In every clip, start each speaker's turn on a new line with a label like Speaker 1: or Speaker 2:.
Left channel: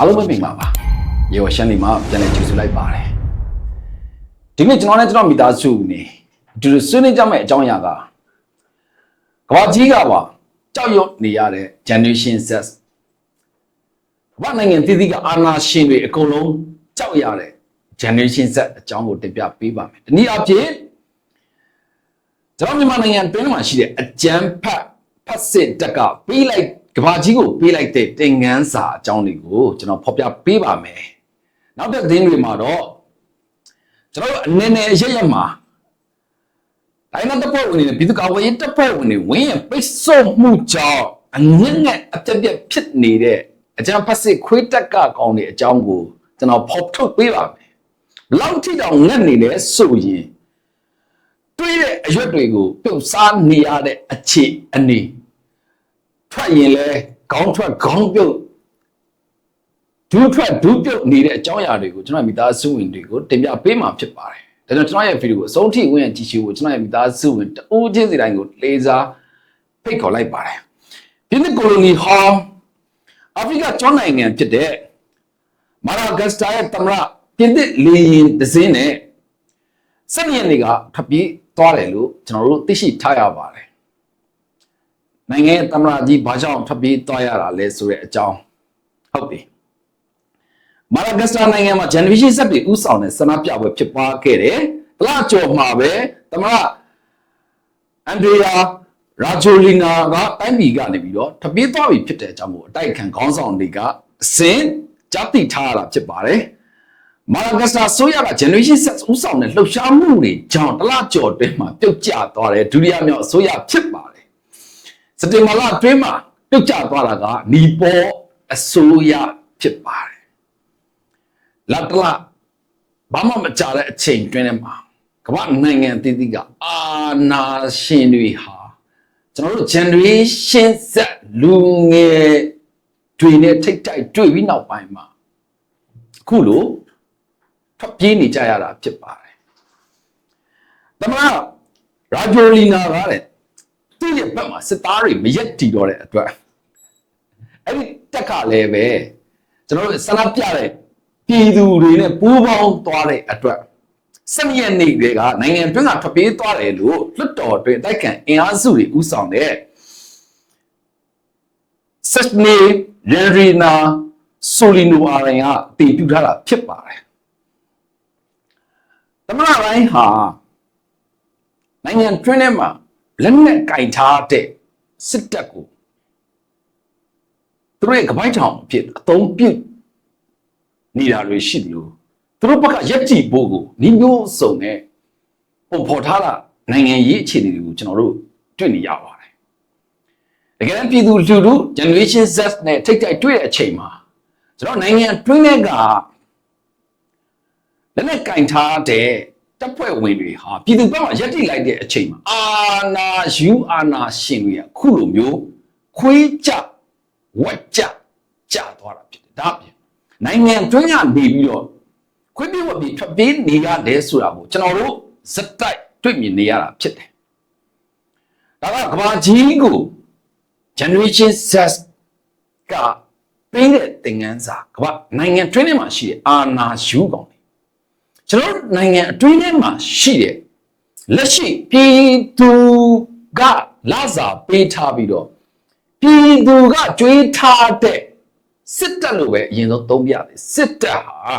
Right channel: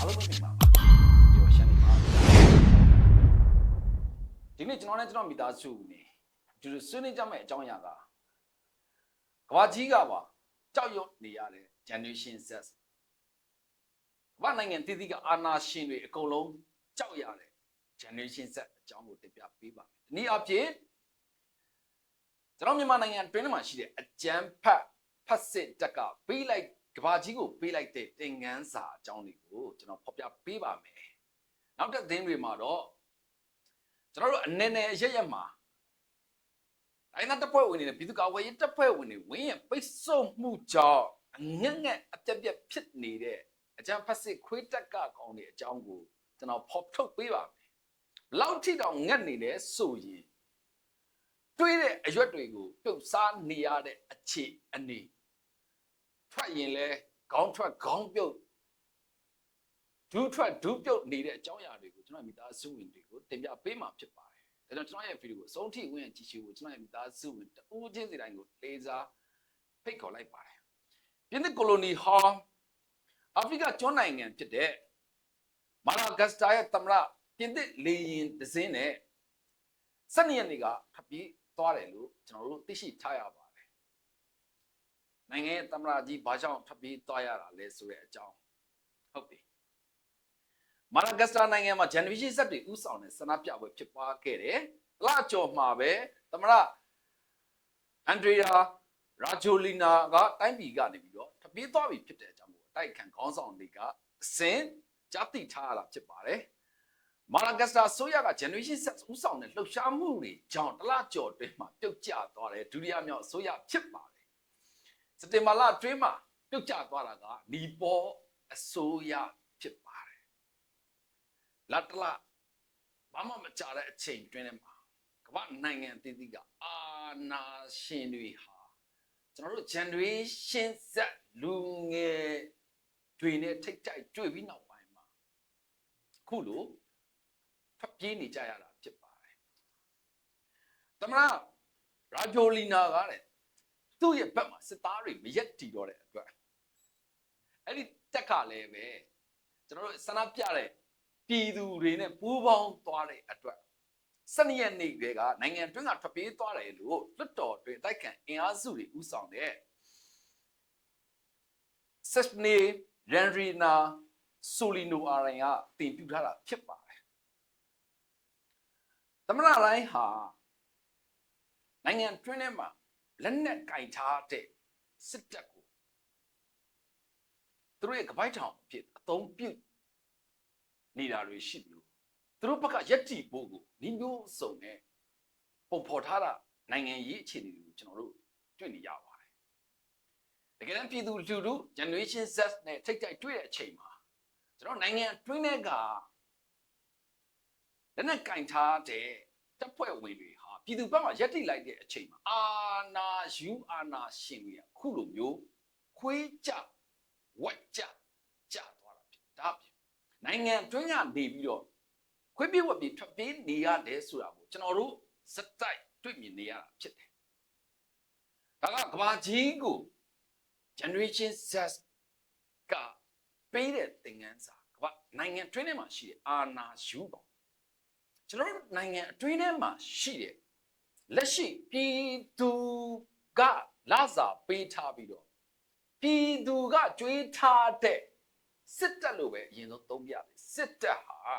Speaker 1: အားလုံးပဲမိပါပါရေဝရှမ်းနေမှာပြန်လည်ကြိုဆိုလိုက်ပါတယ်ဒီနေ့ကျွန်တော်နဲ့ကျွန်တော်မိသားစုနေအတူတူဆွေးနွေးကြမယ့်အကြောင်းအရာကကဘာကြီးကပါကြောက်ရွံ့နေရတဲ့ generation Z ဘာနိုင်ငံတည်တည်ကအာနာရှင်တွေအကုန်လုံးကြောက်ရတဲ့ generation Z အကြောင်းကိုတင်ပြပေးပါမယ်ဒီနေ့အဖြစ်ကျွန်တော်မြန်မာနိုင်ငံတွင်းမှာရှိတဲ့အကြမ်းဖက်ဖက်စစ်တက်ကပေးလိုက် ကဘာကြီးကိုပေးလိုက်တဲ့တင်ငန်းစာအကြောင်းတွေကိုကျွန်တော်ဖော်ပြပေးပါမယ်။နောက်တဲ့သတင်းတွေမှာတော့ကျွန်တော်တို့အနေနဲ့ရရမှာတိုင်းနာတပ်ဖွဲ့ဝင်တွေနဲ့ပြည်သူ့ကာကွယ်ရေးတပ်ဖွဲ့ဝင်တွေဝင်းရပိတ်ဆို့မှုကြောင့်အငက်ငက်အပြက်ပြက်ဖြစ်နေတဲ့အကြမ်းဖက်စစ်ခွေးတက်ကကောင်းတဲ့အကြောင်းကိုကျွန်တော်ဖော်ထုတ်ပေးပါမယ်။ဘလောက်ထိတောင်ငက်နေလဲဆိုရင်တွေးတဲ့အရွက်တွေကိုပြုတ်စားနေရတဲ့အခြေအနေ ထွက်ရင်လဲခေါင်းထွက်ခေါင်းပြုတ်ဒူးထွက်ဒူးပြုတ်နေတဲ့အကြောင်းအရာတွေကိုကျွန်တော်မိသားစုဝင်တွေကိုတင်ပြပေးမှာဖြစ်ပါတယ်။ဒါကြောင့်ကျွန်တော်ရဲ့ဗီဒီယိုကိုအဆုံးထိဝင်ကြည့်ရှုဖို့ကျွန်တော်ရဲ့မိသားစုဝင်တအိုးချင်းစီတိုင်းကိုလေးစားဖိတ်ခေါ်လိုက်ပါတယ်။ပြည်သူကိုလိုနီဟောင်းအာဖရိကကျွန်းနိုင်ငံဖြစ်တဲ့မာရာဂတ်စတာရဲ့သမ္မတပြည်သူလေရင်ဒဇင်းနဲ့စနေရက်နေ့ကထပ်ပြီးသွားတယ်လို့ကျွန်တော်တို့သိရှိထားရပါတယ်။ နိုင်ငံရဲ့သမ္မတကြီးဘာကြောင့်ထပ်ပြီးသွားရတာလဲဆိုတဲ့အကြောင်းဟုတ်ပြီ။မာရာဂတ်စတာနိုင်ငံမှာ generation ဆက်ပြီးဥဆောင်တဲ့ဆန္ဒပြပွဲဖြစ်ပွားခဲ့တယ်။တလားကြော်မှာပဲသမ္မတအန်ဒရီယာရာဂျိုလီနာကတိုင်းပြည်ကနေပြီးတော့ထပ်ပြီးသွားပြီဖြစ်တဲ့အကြောင်းကိုအတိုက်ခံခေါင်းဆောင်တွေကအစင်ကြားသိထားရတာဖြစ်ပါတယ်။မာဂတ်စတာဆိုရက generation set ဥဆောင်တဲ့လှုပ်ရှားမှုတွေကြောင့်တလကြော်တွင်းမှာပြုတ်ကျသွားတယ်ဒုတိယမြောက်အစိုးရဖြစ်ပါတယ် စက်တင်ဘာလအတွင်းမှာပြုတ်ကျသွားတာကနီပေါ်အစိုးရဖြစ်ပါတယ်လက်တလဘာမှမကြတဲ့အချိန်တွင်းထဲမှာကမ္ဘာနိုင်ငံအသီးသီးကအာနာရှင်တွေဟာကျွန်တော်တို့ generation set လူငယ်တွေနဲ့ထိတ်တိုက်တွေ့ပြီးနောက်ပိုင်းမှာအခုလို့ထွက်ပြေးနေကြရတာဖြစ်ပါတယ်။တမန်ရာဂျိုလီနာကတဲ့ သူ့ရဲ့ဘက်မှာစစ်သားတွေမရက်တီတော့တဲ့အတွက်အဲ့ဒီတက်ကလည်းပဲကျွန်တော်တို့ဆန္ဒပြတဲ့ပြည်သူတွေနဲ့ပူးပေါင်းသွားတဲ့အတွက်စနေရက်နေ့တွေကနိုင်ငံတွင်းကထွက်ပြေးသွားတယ်လို့လွတ်တော်တွင်တိုက်ခံအင်အားစုတွေဥဆောင်တဲ့ဆက်နေရန်ရီနာဆိုလီနိုအာရင်ကတည်ပြုထားတာဖြစ်ပါတယ်သမရတိုင်းဟာနိုင်ငံတွင်းထဲမှာ လက်နက်ကင်ထားတဲ့စစ်တပ်ကိုသူတို့ရဲ့ကပိုင်းထောင်အဖြစ်အသုံးပြုနေတာတွေရှိတယ်လို့သူတို့ဘက်ကရက်တီဖို့ကိုညီမျိုးစုံနဲ့ပုံဖော်ထားတာနိုင်ငံရေးအခြေအနေတွေကိုကျွန်တော်တို့တွေ့နေရပါတယ်တကယ်တမ်းပြည်သူလူထု generation Z နဲ့ထိတ်တိုက်တွေ့တဲ့အချိန်မှာကျွန်တော်နိုင်ငံတွင်းထဲကလက်နဲ့ကင်ထားတဲ့ တပ်ဖွဲ့ဝင်တွေဟာပြည်သူဘက်မှာရက်တိလိုက်တဲ့အချိန်မှာအာနာယူအာနာရှင်တွေကခုလိုမျိုးခွေးကြဝက်ကြကြသွားတာဖြစ်တယ်ဒါအပြင်နိုင်ငံတွင်းကနေပြီးတော့ခွေးပြေဝက်ပြေထွက်ပြေးနေရတယ်ဆိုတာကိုကျွန်တော်တို့စက်တိုက်တွေ့မြင်နေရတာဖြစ်တယ်ဒါကကဘာကြီးကို generation Z ကပေးတဲ့သင်ခန်းစာကဘာနိုင်ငံတွင်းထဲမှာရှိတဲ့အာနာယူကောင်တွေ ကျွန်တော်တို့နိုင်ငံအတွင်းထဲမှာရှိတဲ့လက်ရှိပြည်သူကလာစာပေးထားပြီးတော့ပြည်သူကကြွေးထားတဲ့စစ်တပ်လို့ပဲအရင်ဆုံးသုံးပြတယ်စစ်တပ်ဟာ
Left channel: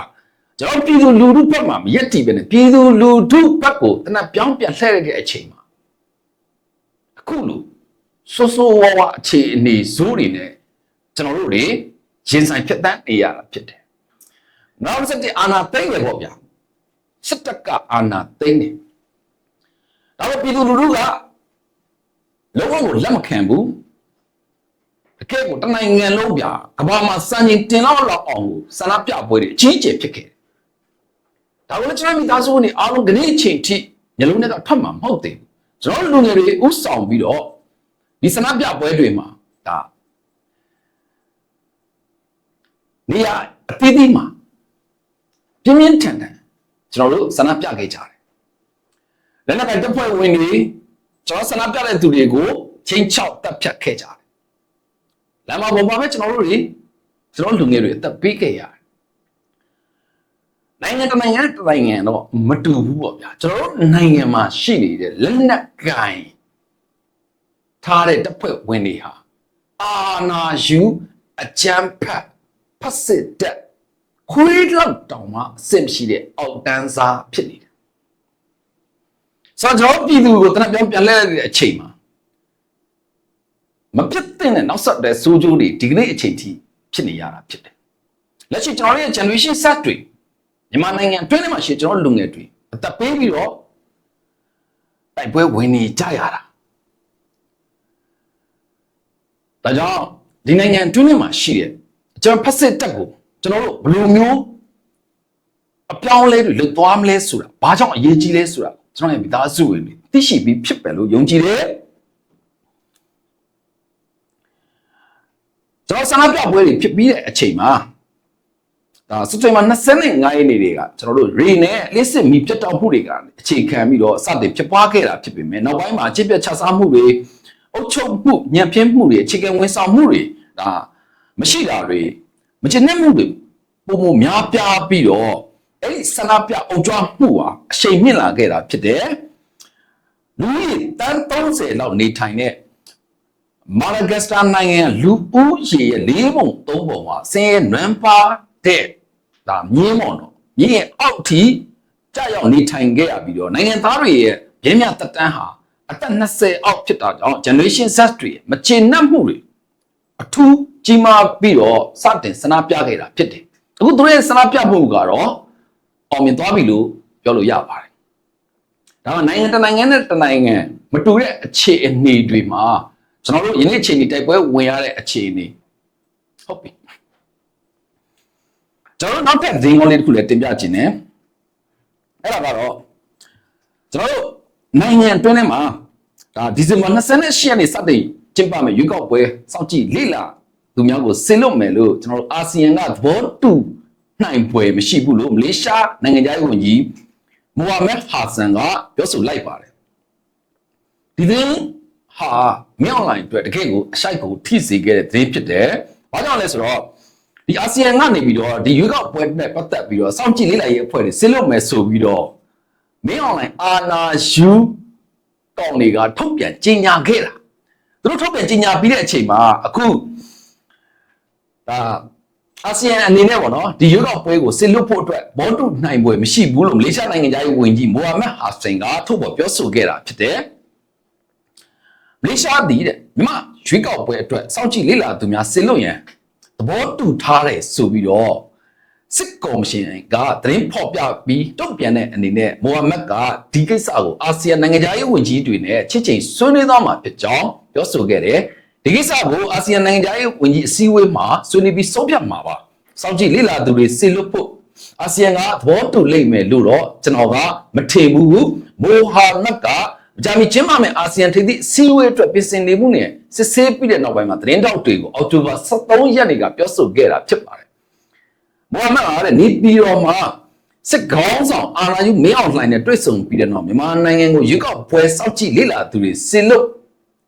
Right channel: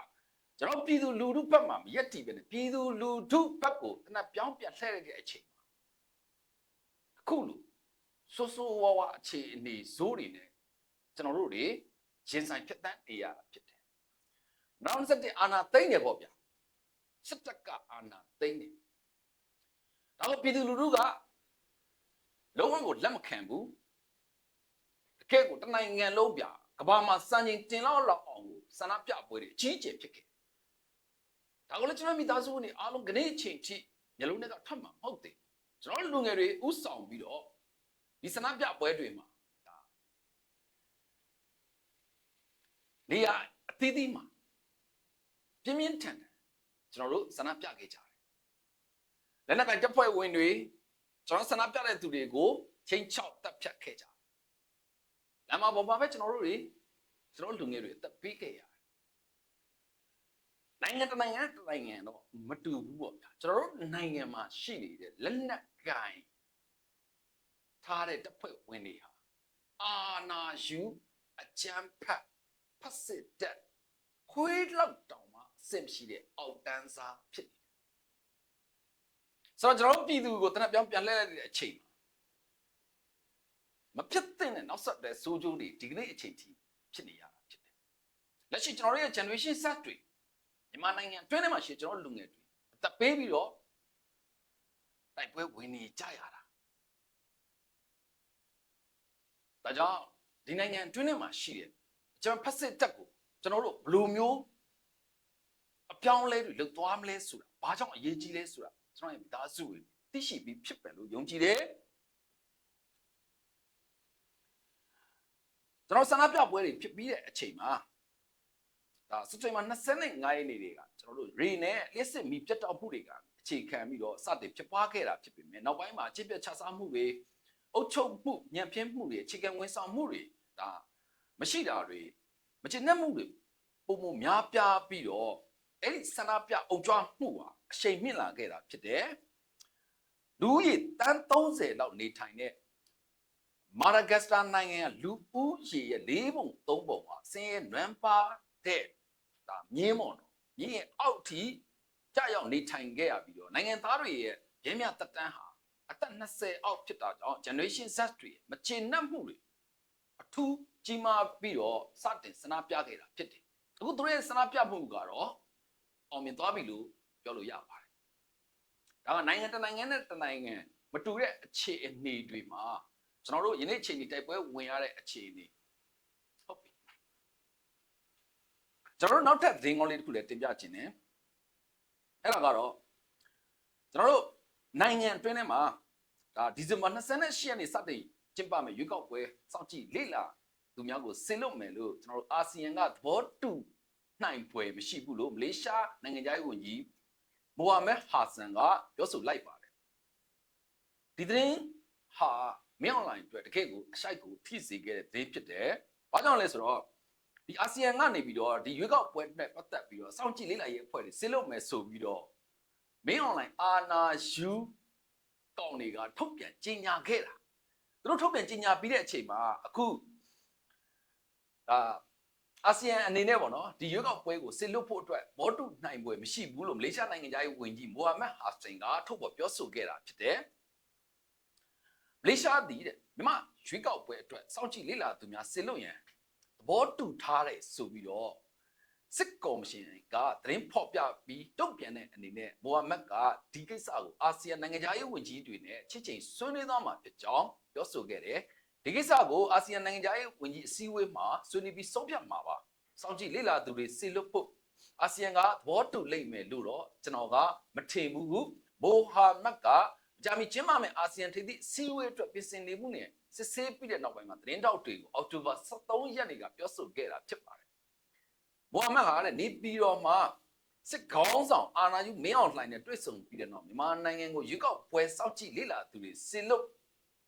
Speaker 1: ကျွန်တော်ပြည်သူလူထုဘက်မှာမရက်တီပဲနဲ့ပြည်သူလူထုဘက်ကိုတနက်ပြောင်းပြန်လှည့်ရတဲ့အချိန်မှာအခုလို့ဆိုးဆိုးဝါးဝါအခြေအနေဇိုးတွေနဲ့ကျွန်တော်တို့တွေရင်ဆိုင်ဖြတ်တန်းနေရတာဖြစ်တယ်။နောက်ဆက်တဲ့အာနာသိမ့်ရပေါ့ဗျာ။ စစ်တပ်ကအာနာသိမ့်တယ်။ဒါပေမဲ့ပြည်သူလူထုကလုံးဝကိုလက်မခံဘူး။တကယ်ကိုတနိုင်ငံလုံးဗျာကဘာမှာစံချိန်တင်လောက်လောက်အောင်ကိုဆန္ဒပြပွဲတွေအကြီးအကျယ်ဖြစ်ခဲ့တယ်။ဒါကလည်းကျွန်တော်မိသားစုဝင်အားလုံးကနေအချိန်ထိညလုံးနဲ့တော့ထွက်မှာမဟုတ်သေးဘူး။ကျွန်တော်လူငယ်တွေဥဆောင်ပြီးတော့ဒီဆန္ဒပြပွဲတွေမှာဒါနေရာအသီးသီးမှာပြင်းပြင်းထန်ထန် ကျွန်တော်တို့ဆန္ဒပြခဲ့ကြတယ်။လက်နက်ကတပ်ဖွဲ့ဝင်တွေကျွန်တော်ဆန္ဒပြတဲ့သူတွေကိုချိန်ချောက်တပ်ဖြတ်ခဲ့ကြတယ်။လမ်းမပေါ်မှာပဲကျွန်တော်တို့တွေကျွန်တော်လူငယ်တွေအသက်ပေးခဲ့ရတယ်နိုင်ငံတစ်နိုင်ငံတစ်နိုင်ငံတော့မတူဘူးပေါ့ဗျာကျွန်တော်တို့နိုင်ငံမှာရှိနေတဲ့လက်နက်ကင်ထားတဲ့တပ်ဖွဲ့ဝင်တွေဟာအာနာယူအကြမ်းဖက်ဖက်စစ်တပ် ခွေးလောက်တောင်မှအဆင့်မရှိတဲ့အောက်တန်းစားဖြစ်နေတယ်ဆိုတော့ကျွန်တော်ပြည်သူကိုတနက်ပြောင်းပြန်လဲလိုက်တဲ့အချိန်မှာမပြတ်တဲ့နောက်ဆက်တဲ့စိုးကျိုးတွေဒီကနေ့အချိန်ထိဖြစ်နေရတာဖြစ်တယ်လက်ရှိကျွန်တော်တို့ရဲ့ generation set တွေမြန်မာနိုင်ငံအတွင်းထဲမှာရှိကျွန်တော်လူငယ်တွေအသက်ပေးပြီးတော့တိုက်ပွဲဝင်နေကြရတာဒါကြောင့်ဒီနိုင်ငံအတွင်းထဲမှာရှိတဲ့ကျွန်တော်ဖက်စစ်တက်ကို ကျွန်တော်တို့ဘယ်လိုမျိုးအပြောင်းအလဲတွေလုပ်သွားမလဲဆိုတာဘာကြောင့်အရေးကြီးလဲဆိုတာကျွန်တော်ရဲ့မိသားစုဝင်တွေသိရှိပြီးဖြစ်ပဲလို့ယုံကြည်တယ်ကျွန်တော်ဆန္ဒပြပွဲတွေဖြစ်ပြီးတဲ့အချိန်မှာဒါစက်တင်ဘာ25ရက်နေ့တွေကကျွန်တော်တို့ရေနဲ့လစ်စစ်မီပြတ်တောက်မှုတွေကအခြေခံပြီးတော့စတင်ဖြစ်ပွားခဲ့တာဖြစ်ပေမဲ့နောက်ပိုင်းမှာအကျင့်ပြတ်ချစားမှုတွေအုပ်ချုပ်မှုညံ့ဖျင်းမှုတွေအခြေခံဝန်ဆောင်မှုတွေဒါမရှိတာတွေ မချင်တဲ့မှုတွေပုံမများပြားပြီးတော့အဲ့ဒီဆန္ဒပြအုပ်ကြွမှုဟာအရှိန်မြင့်လာခဲ့တာဖြစ်တယ်လူကြီးတန်း30လောက်နေထိုင်တဲ့မာလဂက်စတာနိုင်ငံလူဦးရေရဲ့၄ပုံ၃ပုံဟာဆင်းရဲနွမ်းပါတဲ့ဒါမြင်းမော်တော့မြင်းရဲ့အောက်ထိကြာရောက်နေထိုင်ခဲ့ရပြီးတော့နိုင်ငံသားတွေရဲ့ရင်းမြတက်တန်းဟာအသက်20အောက်ဖြစ်တာကြောင့် generation Z တွေမချေနှက်မှုတွေ အထူးကြီးမားပြီးတော့စတင်ဆန္ဒပြခဲ့တာဖြစ်တယ်အခုသူတို့ရဲ့ဆန္ဒပြမှုကတော့အောင်မြင်သွားပြီလို့ပြောလို့ရပါတယ်ဒါကနိုင်ငံတစ်နိုင်ငံနဲ့တစ်နိုင်ငံမတူတဲ့အခြေအနေတွေမှာကျွန်တော်တို့ယနေ့အခြေအနေတိုက်ပွဲဝင်ရတဲ့အခြေအနေဟုတ်ပြီကျွန်တော်တို့နောက်ထပ်ဇင်းကောင်းလေးတစ်ခုလည်းတင်ပြခြင်းနဲ့အဲ့ဒါကတော့ကျွန်တော်တို့နိုင်ငံအတွင်းထဲမှာဒါဒီဇင်ဘာ28ရက်နေ့စတင် ကျင်းပမယ်ရွေးကောက်ပွဲစောင့်ကြည့်လေ့လာသူများကိုဆင်လွတ်မယ်လို့ကျွန်တော်တို့အာဆီယံကသဘောတူနိုင်ပွဲမရှိဘူးလို့မလေးရှားနိုင်ငံသားဝန်ကြီးမိုဟာမက်ဟာဆန်ကပြောဆိုလိုက်ပါတယ်ဒီသင်းဟာမြောက်လိုင်းအတွက်တကယ့်ကိုအရှိုက်ကိုထိစေခဲ့တဲ့သတင်းဖြစ်တယ်။ဘာကြောင့်လဲဆိုတော့ဒီအာဆီယံကနေပြီးတော့ဒီရွေးကောက်ပွဲနဲ့ပတ်သက်ပြီးတော့စောင့်ကြည့်လေ့လာရေးအဖွဲ့တွေဆင်းလို့မယ်ဆိုပြီးတော့မင်းအွန်လိုင်းအာနာယူကောင်တွေကထုတ်ပြန်ကြေညာခဲ့တာ သူတို့ထုတ်ပြန်ကြေညာပြီးတဲ့အချိန်မှာအခုဒါအာဆီယံအနေနဲ့ပေါ့နော်ဒီရွေးကောက်ပွဲကိုဆင်လွတ်ဖို့အတွက်ဘောတုနိုင်ပွဲမရှိဘူးလို့မလေးရှားနိုင်ငံသားရေးဝန်ကြီးမိုဟာမက်ဟာဆင်ကထုတ်ပေါ်ပြောဆိုခဲ့တာဖြစ်တယ်မလေးရှားတည်တဲ့မြမရွေးကောက်ပွဲအတွက်စောင့်ကြည့်လေ့လာသူများဆင်လွတ်ရန်သဘောတူထားတယ်ဆိုပြီးတော့ စစ်ကော်မရှင်ကသတင်းဖော်ပြပြီးတုံ့ပြန်တဲ့အနေနဲ့မိုဟာမက်ကဒီကိစ္စကိုအာဆီယံနိုင်ငံသားရေးဝန်ကြီးတွေနဲ့ချစ်ချိန်ဆွေးနွေးသွားမှာဖြစ်ကြောင်းပြောဆိုခဲ့တယ်ဒီကိစ္စကိုအာဆီယံနိုင်ငံသားရေးဝန်ကြီးအစည်းအဝေးမှာဆွေးနွေးပြီးဆုံးဖြတ်မှာပါစောင့်ကြည့်လေ့လာသူတွေစေလွတ်ဖို့အာဆီယံကသဘောတူလိမ့်မယ်လို့တော့ကျွန်တော်ကမထင်ဘူးမိုဟာမက်ကဂျာမီကျင်းပမယ်အာဆီယံထိပ်သီးစီဝေးအတွက်ပြင်ဆင်နေမှုနဲ့စစ်ဆေးပြီးတဲ့နောက်ပိုင်းမှာသတင်းတောက်တွေကိုအောက်တိုဘာ23ရက်နေ့ကပြောဆိုခဲ့တာဖြစ်ပါတယ်။ မိုဟာမက်ကလည်းနေပြည်တော်မှာစစ်ခေါင်းဆောင်အာဏာယူမင်းအောင်လှိုင်နဲ့တွေ့ဆုံပြီးတဲ့နောက်မြန်မာနိုင်ငံကိုရွေးကောက်ပွဲစောင့်ကြည့်လေ့လာသူတွေဆင်လို့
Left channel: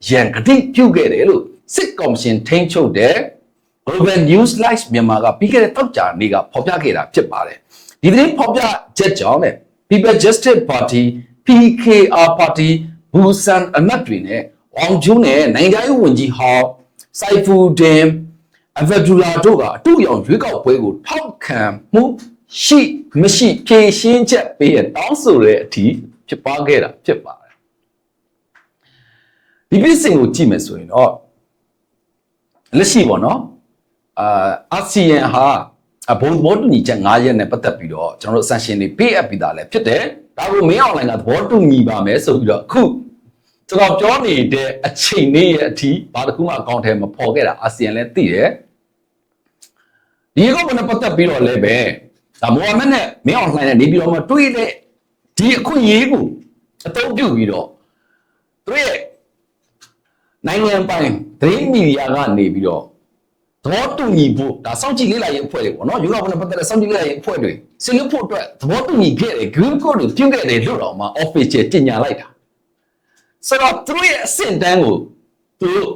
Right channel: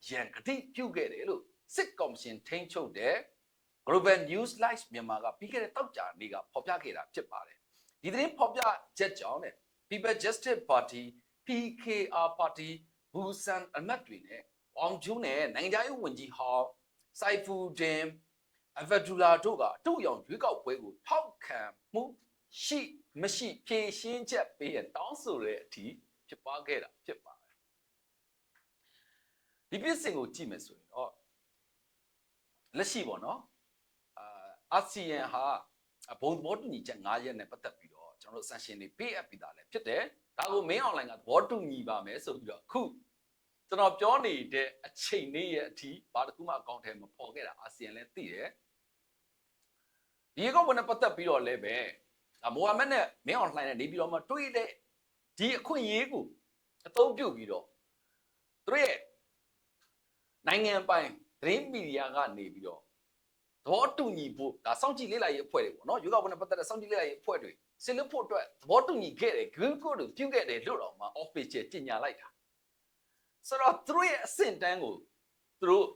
Speaker 1: ရန်ကတိပြုခဲ့တယ်လို့စစ်ကော်မရှင်ထိန်းချုပ်တဲ့ Global News Live မြန်မာကပြီးခဲ့တဲ့တောက်ကြနေ့ကဖော်ပြခဲ့တာဖြစ်ပါတယ်။ဒီသတင်းဖော်ပြချက်ကြောင့်လည်း People Justice Party PKR Party ဘူဆန်အမတ်တွေနဲ့အောင်ကျုံးနဲ့နိုင်ငံရေးဝန်ကြီးဟောင်းစိုက်ဖူဒင် အဗဒူလာတို့ကအတူရောင်ရွေးကောက်ပွဲကိုထောက်ခံမှုရှိမရှိဖြေရှင်းချက်ပေးရတောင်းဆိုတဲ့အထိဖြစ်ပွားခဲ့တာဖြစ်ပါတယ်ဒီပြစ်စင်ကိုကြည့်မယ်ဆိုရင်တော့လက်ရှိပေါ့နော်အာအာဆီယံဟာဘုံသဘောတူညီချက်9ရက်နဲ့ပတ်သက်ပြီးတော့ကျွန်တော်တို့ sanction တွေပေးအပ်ပြီးသားလည်းဖြစ်တယ်ဒါကိုမင်းအွန်လိုင်းကသဘောတူညီပါမယ်ဆိုပြီးတော့အခုကျွန်တော်ပြောနေတဲ့အချိန်လေးရဲ့အထိဘာတစ်ခုမှအကောင့်ထဲမပေါ်ခဲ့တာအာဆီယံလည်းသိတယ် ဒီကောမနဲ့ပတ်သက်ပြီးတော့လည်းပဲဒါမိုဟာမက်နဲ့မင်းအွန်လိုင်းနဲ့နေပြီးတော့မှတွေးတဲ့ဒီအခွင့်အရေးကိုအသုံးပြုပြီးတော့သူရဲ့နိုင်ငံပိုင်သတင်းမီဒီယာကနေပြီးတော့သဘောတူညီဖို့ဒါစောင့်ကြည့်လေ့လာရေးအဖွဲ့တွေပေါ့နော်ယူရောဘနဲ့ပတ်သက်တဲ့စောင့်ကြည့်လေ့လာရေးအဖွဲ့တွေဆင်လွတ်ဖို့အတွက်သဘောတူညီခဲ့တယ် green code ကိုပြုခဲ့တယ်လို့တော့မှ official ကြေညာလိုက်တာဆိုတော့သူတို့ရဲ့အဆင့်တန်းကိုသူတို့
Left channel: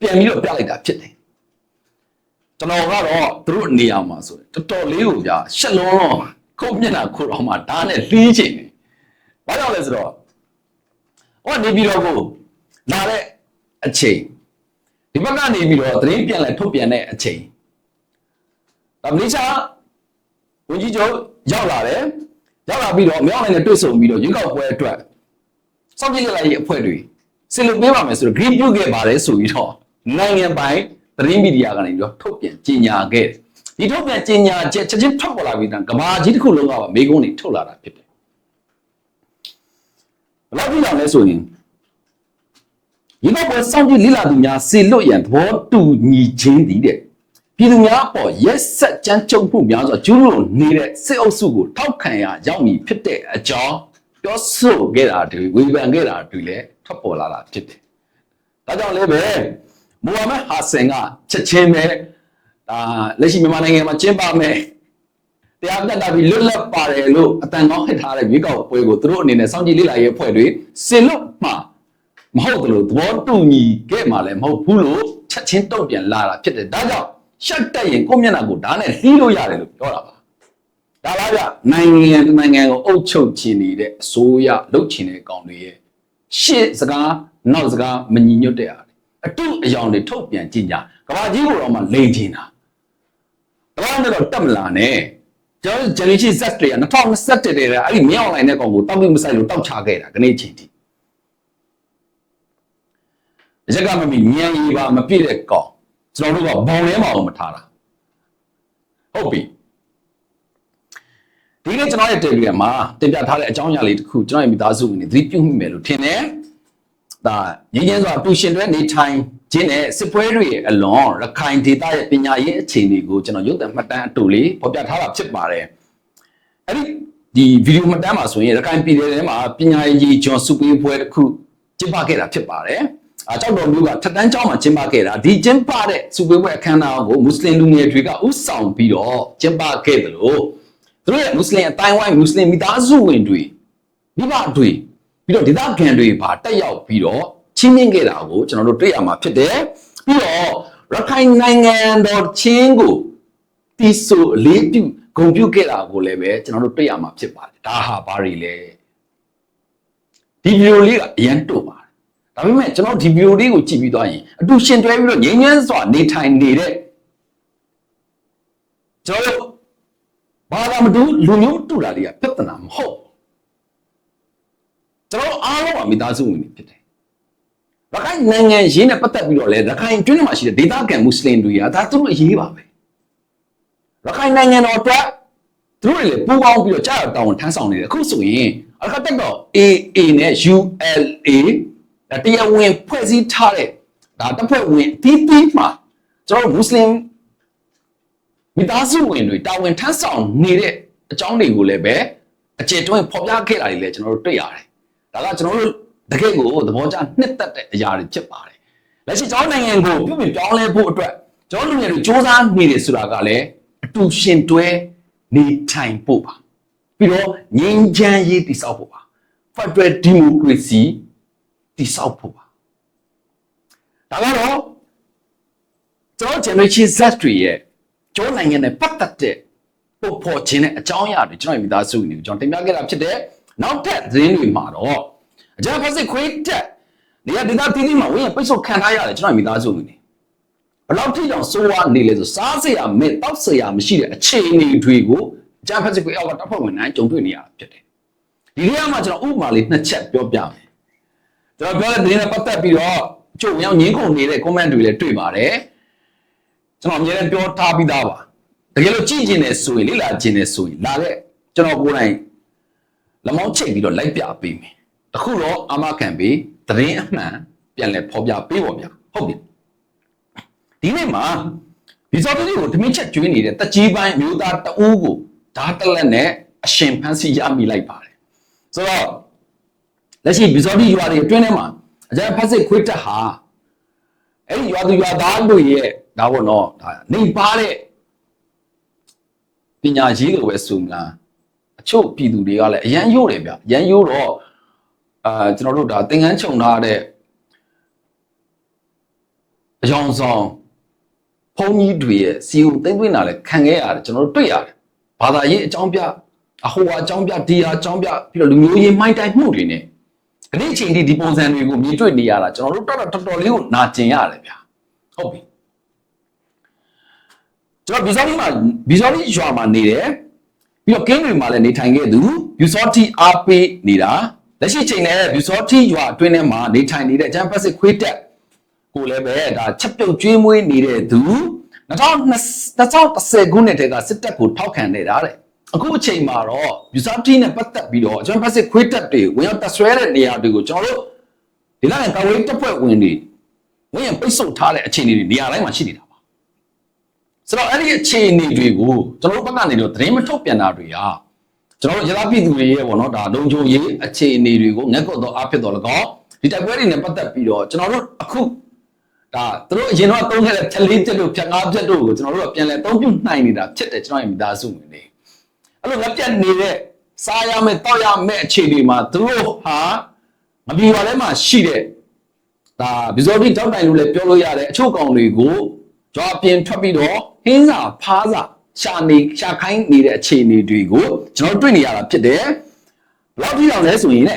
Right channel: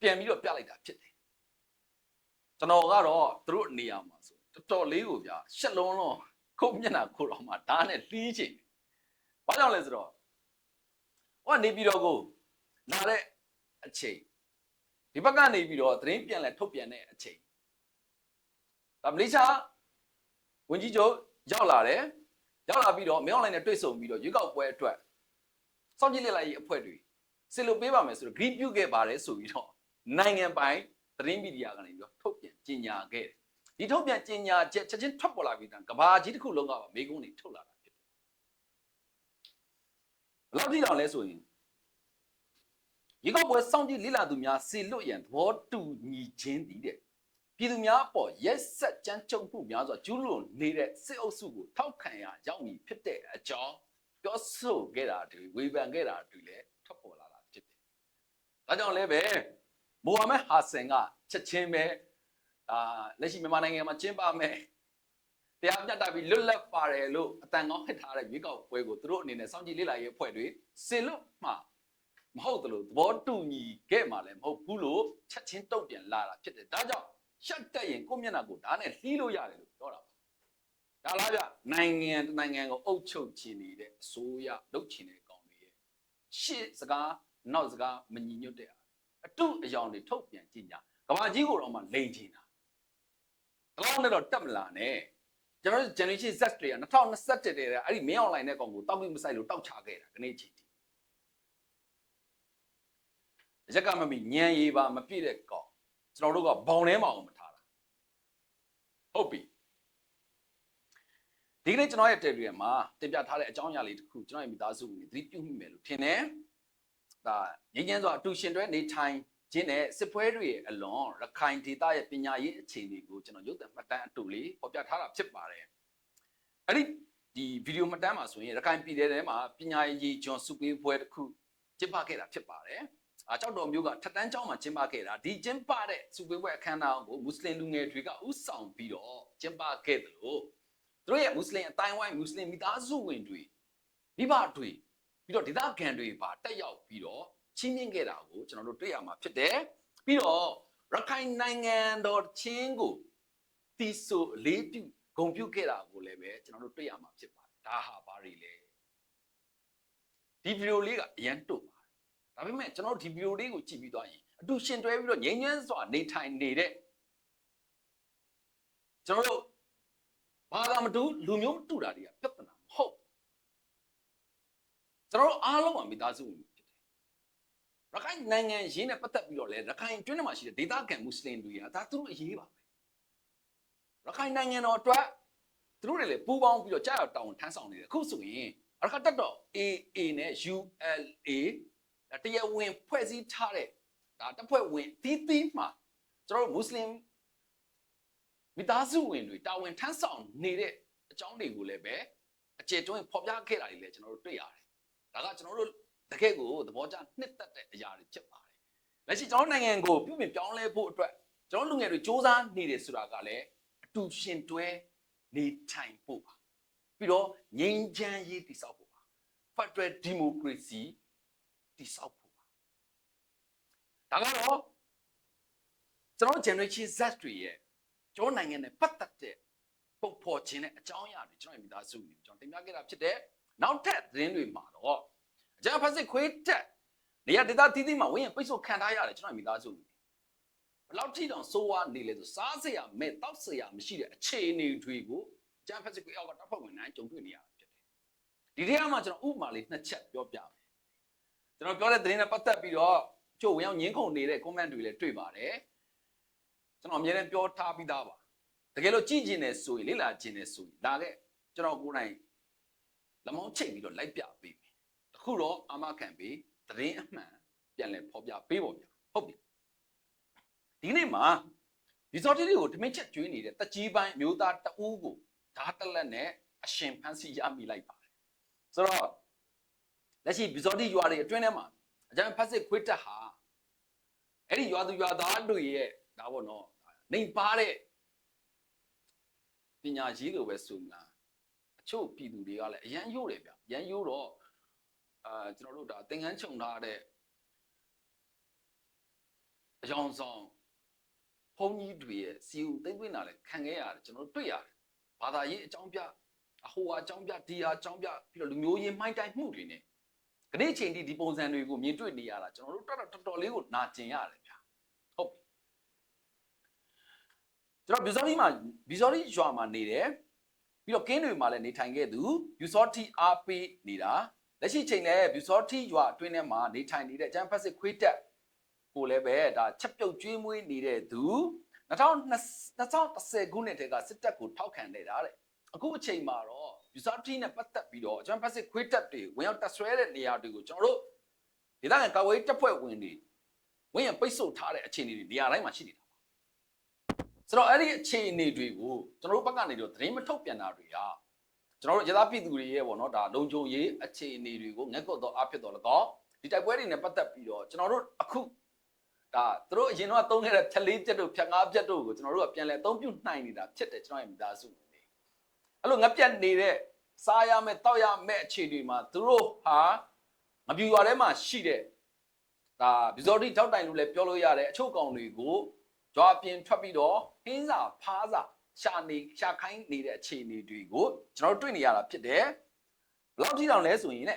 Speaker 1: ပြန်ပြီးတော့ပြလိုက်တာဖြစ်တယ် ကျွန်တော်ကတော့သူတို့နေရာမှာဆိုရင်တော်တော်လေးကိုဗျာရှက်လုံးတော့ခုတ်မျက်နှာခုတ်တော့မှဓာတ်နဲ့လှီးချင်တယ်။ဘာကြောင့်လဲဆိုတော့ဟောနေပြီးတော့ကိုလာတဲ့အချိန်ဒီဘက်ကနေပြီးတော့သတင်းပြန်လဲထုတ်ပြန်တဲ့အချိန်ဒါမလေးရှားဝန်ကြီးချုပ်ရောက်လာတယ်ရောက်လာပြီးတော့မြောက်နိုင်နဲ့တွေ့ဆုံပြီးတော့ရွေးကောက်ပွဲအတွက်စောင့်ကြည့်လိုက်ရေးအဖွဲ့တွေစစ်လို့ပေးပါမယ်ဆိုတော့ green ပြုတ်ခဲ့ပါတယ်ဆိုပြီးတော့နိုင်ငံပိုင် သတင်းမီဒီယာကနေပြီးတော့ထုတ်ပြန်ကြေညာခဲ့တယ်ဒီထုတ်ပြန်ကြေညာချက်ချက်ချင်းထွက်ပေါ်လာပြီးတော့ကဘာကြီးတစ်ခုလုံးကပါမိကုန်းတွေထုတ်လာတာဖြစ်တယ်ဘယ်လောက်ကြည့်အောင်လဲဆိုရင်ဒီတော့ပွဲစောင့်ကြည့်လိလာသူများစေလွတ်ရန်သဘောတူညီခြင်းတည်တဲ့ပြည်သူများအပေါ်ရက်ဆက်ကြမ်းကြုတ်မှုများစွာကျူးလွန်နေတဲ့စစ်အုပ်စုကိုထောက်ခံရရောက်မည်ဖြစ်တဲ့အကြောင်းပြောဆိုခဲ့တာတွေဝေဖန်ခဲ့တာတွေလည်းထွက်ပေါ်လာတာဖြစ်တယ်။ဒါကြောင့်လည်းပဲ မိုဟာမက်ဟာဆန်ကချက်ချင်းပဲဒါလက်ရှိမြန်မာနိုင်ငံမှာကျင်းပမယ်တရားမျှတပြီးလွတ်လပ်ပါတယ်လို့အတန်ကောင်းဟစ်ထားတဲ့မြေကောက်ပွဲကိုသူတို့အနေနဲ့စောင့်ကြည့်လေ့လာရေးအဖွဲ့တွေစင်လွတ်မှမဟုတ်တယ်လို့သဘောတူညီခဲ့မှလည်းမဟုတ်ဘူးလို့ချက်ချင်းတုံ့ပြန်လာတာဖြစ်တယ်ဒါကြောင့်ရှက်တက်ရင်ကိုယ့်မျက်နှာကိုဓာတ်နဲ့လှီးလို့ရတယ်လို့ပြောတာပါဒါလားဗျနိုင်ငံတစ်နိုင်ငံကိုအုပ်ချုပ်ခြင်းနေတဲ့အစိုးရလုပ်ခြင်းတဲ့ကောင်တွေရဲ့ရှေ့စကားနောက်စကားမညီညွတ်တဲ့အား အတုအယောင်တွေထုတ်ပြန်ကြင်ကြကဘာကြီးကိုတော့မှလိန်ချင်တာကဘာနဲ့တော့တက်မလာနဲ့ကျွန်တော် generation Z တွေက2021တည်းကအဲ့ဒီမင်းအွန်လိုင်းတဲ့ကောင်ကိုတောက်ပြီးမဆိုင်လို့တောက်ချခဲ့တာခနေ့ချင်းထိရက်ကမမီညံရီပါမပြည့်တဲ့ကောင်ကျွန်တော်တို့ကဘောင်ထဲမှာအောင်မထားတာဟုတ်ပြီဒီနေ့ကျွန်တော်ရဲ့ Telegram မှာတင်ပြထားတဲ့အကြောင်းအရာလေးတစ်ခုကျွန်တော်ရဲ့မိသားစုဝင်တွေသတိပြုမိမယ်လို့ထင်တယ် ဒါငင်းငင်းစွာတူရှင်တွေနေထိုင်ခြင်းနဲ့စစ်ပွဲတွေရဲ့အလွန်ရခိုင်ဒေသရဲ့ပညာရေးအခြေအနေကိုကျွန်တော်ရုပ်သံမှတ်တမ်းအတူလေးဖော်ပြထားတာဖြစ်ပါတယ်အဲ့ဒီဒီဗီဒီယိုမှတ်တမ်းမှာဆိုရင်ရခိုင်ပြည်နယ်ထဲမှာပညာရေးကျွန်းစုပေးပွဲတစ်ခုကျင်းပခဲ့တာဖြစ်ပါတယ်အကြောက်တော်မျိုးကထက်တန်းကျောင်းမှာကျင်းပခဲ့တာဒီကျင်းပတဲ့စုပေးပွဲအခမ်းအနားကိုမွတ်စလင်လူငယ်တွေကဥဆောင်ပြီးတော့ကျင်းပခဲ့တယ်လို့သူတို့ရဲ့မွတ်စလင်အတိုင်းဝိုင်းမွတ်စလင်မိသားစုဝင်တွေမိဘတွေ ပြီးတော့ဒေသခံတွေပါတက်ရောက်ပြီးတော့ချင်းမြင့်ခဲ့တာကိုကျွန်တော်တို့တွေ့ရမှာဖြစ်တယ်ပြီးတော့ရခိုင်နိုင်ငံတော်ချင်းကိုတီဆိုအလေးပြုဂုံပြုခဲ့တာကိုလည်းပဲကျွန်တော်တို့တွေ့ရမှာဖြစ်ပါတယ်ဒါဟာဘာတွေလဲဒီဗီဒီယိုလေးကအရန်တို့ပါတယ်ဒါပေမဲ့ကျွန်တော်ဒီဗီဒီယိုလေးကိုကြည့်ပြီးသွားရင်အတူရှင်တွဲပြီးတော့ငြိမ်းချမ်းစွာနေထိုင်နေတဲ့ကျွန်တော်တို့ဘာသာမတူလူမျိုးမတူတာတွေကပြဿနာမဟုတ် ကျွန်တော်တို့အားလုံးကမိသားစုဝင်တွေဖြစ်တယ်ရခိုင်နိုင်ငံရင်းနဲ့ပတ်သက်ပြီးတော့လေရခိုင်ကျွန်းမှာရှိတဲ့ဒေသခံမွတ်စလင်တွေကဒါသူတို့အရေးပါပဲရခိုင်နိုင်ငံတော်အတွက်သူတို့တွေလည်းပူးပေါင်းပြီးတော့ကြားရတောင်းထမ်းဆောင်နေတယ်အခုဆိုရင်အကတက်တော့ AA နဲ့ ULA ဒါတရားဝင်ဖွဲ့စည်းထားတဲ့ဒါတပ်ဖွဲ့ဝင်အသီးသီးမှာကျွန်တော်တို့မွတ်စလင်မိသားစုဝင်တွေတာဝန်ထမ်းဆောင်နေတဲ့အကြောင်းတွေကိုလည်းပဲအကျေတွန်းဖော်ပြခဲ့တာတွေလည်းကျွန်တော်တို့တွေ့ရတယ် ဒါကကျွန်တော်တို့တကယ့်ကိုသဘောကျနှစ်သက်တဲ့အရာတွေဖြစ်ပါတယ်လက်ရှိကျွန်တော်နိုင်ငံကိုပြုပြင်ပြောင်းလဲဖို့အတွက်ကျွန်တော်လူငယ်တွေစ조사နေတယ်ဆိုတာကလည်းအတူရှင်တွဲနေထိုင်ဖို့ပါပြီးတော့ငြိမ်းချမ်းရေးတည်ဆောက်ဖို့ပါ Federal Democracy တည်ဆောက်ဖို့ပါဒါကတော့ကျွန်တော် generation Z တွေရဲ့ကျောင်းနိုင်ငံနဲ့ပတ်သက်တဲ့ပုံဖော်ခြင်းနဲ့အကြောင်းအရာတွေကျွန်တော်မိသားစုတွေကိုကျွန်တော်တင်ပြခဲ့တာဖြစ်တဲ့ နောက်ထပ်သတင်းတွေမှာတော့အကြမ်းဖက်စစ်ခွေးတက်နေရာဒေသတည်တည်မှာဝင်းရပိတ်ဆို့ခံထားရတယ်ကျွန်တော်မိသားစုတွေဘယ်လောက်ထိတောင်စိုးဝါနေလဲဆိုစားစရာမဲ့တောက်စရာမရှိတဲ့အခြေအနေတွေကိုအကြမ်းဖက်စစ်ခွေးအောက်ကတပ်ဖွဲ့ဝင်တိုင်းကြုံတွေ့နေရတာဖြစ်တယ်ဒီနေရာမှာကျွန်တော်ဥပမာလေးနှစ်ချက်ပြောပြမယ်ကျွန်တော်ပြောတဲ့သတင်းနဲ့ပတ်သက်ပြီးတော့ကျုပ်ဝင်ရောက်ငင်းခုန်နေတဲ့ comment တွေလည်းတွေ့ပါတယ်ကျွန်တော်အများနဲ့ပြောထားပြီးသားပါတကယ်လို့ကြည့်ကျင်နေဆိုရင်လေ့လာကျင်နေဆိုရင်လာတဲ့ကျွန်တော်ကိုယ်တိုင် လမောင်းချိတ်ပြီးတော့လိုက်ပြပေးမယ်တခုတော့အာမခံပြီးသတင်းအမှန်ပြန်လဲဖော်ပြပေးပါဗျာဟုတ်ပြီဒီနေ့မှာဒီစော်တီကိုဓမင်းချက်ကျွေးနေတဲ့တကြီးပိုင်းမျိုးသားတအူးကိုဓာတ်တလက်နဲ့အရှင်ဖန်းစီရမိလိုက်ပါတယ်ဆိုတော့လက်ရှိဘီဇော်တီရွာတွေအတွင်းထဲမှာအကြမ်းဖက်စစ်ခွေးတက်ဟာအဲ့ဒီရွာသူရွာသားတို့ရဲ့ဒါပေါ့နော်ဒါနေပါတဲ့ပညာရေးလိုပဲဆိုမလား အချို့ပြည်သူတွေကလည်းအရန်ရိုးတယ်ဗျအရန်ရိုးတော့အာကျွန်တော်တို့ဒါသင်္ကန်းခြုံထားတဲ့အယောင်ဆောင်ဘုန်းကြီးတွေရဲ့စီဦးသိမ့်သွင်းတာလည်းခံခဲ့ရတယ်ကျွန်တော်တို့တွေ့ရတယ်ဘာသာရေးအကြောင်းပြအဟိုအကြောင်းပြဒီအကြောင်းပြပြီးတော့လူမျိုးရေးမိုင်းတိုင်းမှုတွေနဲ့ဒီနေ့အချိန်ထိဒီပုံစံတွေကိုမြင်တွေ့နေရတာကျွန်တော်တို့တော်တော်တော်တော်လေးကိုနာကျင်ရတယ်ဗျာဟုတ်ပြီကျွန်တော်ဘီဇော်လီမှာဘီဇော်လီရွာမှာနေတယ် ပြီးတော့ကင်းတွေမှာလည်းနေထိုင်ခဲ့သူဘီဇော်တီအားပေးနေတာလက်ရှိချိန်နဲ့ဘီဇော်တီရွာအတွင်းထဲမှာနေထိုင်နေတဲ့ဂျမ်ပတ်စစ်ခွေးတက်ကိုလည်းပဲဒါချက်ပြုတ်ကျွေးမွေးနေတဲ့သူ2010ခုနှစ်တည်းကစစ်တပ်ကိုထောက်ခံနေတာတဲ့အခုအချိန်မှာတော့ယူဆတီနဲ့ပတ်သက်ပြီးတော့ဂျမ်ပတ်စစ်ခွေးတက်တွေဝင်ရောက်တက်ဆွဲတဲ့နေရာတွေကိုကျွန်တော်တို့ဒီလောက်ကာဝေးတပ်ဖွဲ့ဝင်တွေဝင်ရင်ပိတ်ဆို့ထားတဲ့အခြေအနေတွေနေရာတိုင်းမှာရှိနေတာပါ ဆိုတော့အဲ့ဒီအခြေအနေတွေကိုကျွန်တော်တို့ဘက်ကနေတော့သတင်းမထုတ်ပြန်တာတွေဟာကျွန်တော်တို့ရသပြည်သူတွေရဲ့ပေါ့နော်ဒါလုံခြုံရေးအခြေအနေတွေကိုငက်ကွက်တော့အဖြစ်တော့လကောဒီတိုက်ပွဲတွေနဲ့ပတ်သက်ပြီးတော့ကျွန်တော်တို့အခုဒါသူတို့အရင်တော့သုံးခဲ့တဲ့ဖြက်လေးပြက်တို့ဖြက်ငါးပြက်တို့ကိုကျွန်တော်တို့ကပြန်လဲသုံးပြုနိုင်နေတာဖြစ်တယ်ကျွန်တော်ရဲ့မိသားစုဝင်တွေအဲ့လိုငက်ပြက်နေတဲ့စားရမယ်တောက်ရမယ်အခြေအနေမှာသူတို့ဟာမပြေပါလဲမှာရှိတဲ့ဒါဘီဇော်တီတောက်တိုင်လို့လည်းပြောလို့ရတယ်အချို့ကောင်တွေကိုကြွားပြင်ထွက်ပြီးတော့ ဟင်းစာဖားစာရှာနေရှာခိုင်းနေတဲ့အခြေအနေတွေကိုကျွန်တော်တွေ့နေရတာဖြစ်တယ်ဘယ်လောက်ထိအောင်လဲဆိုရင်ね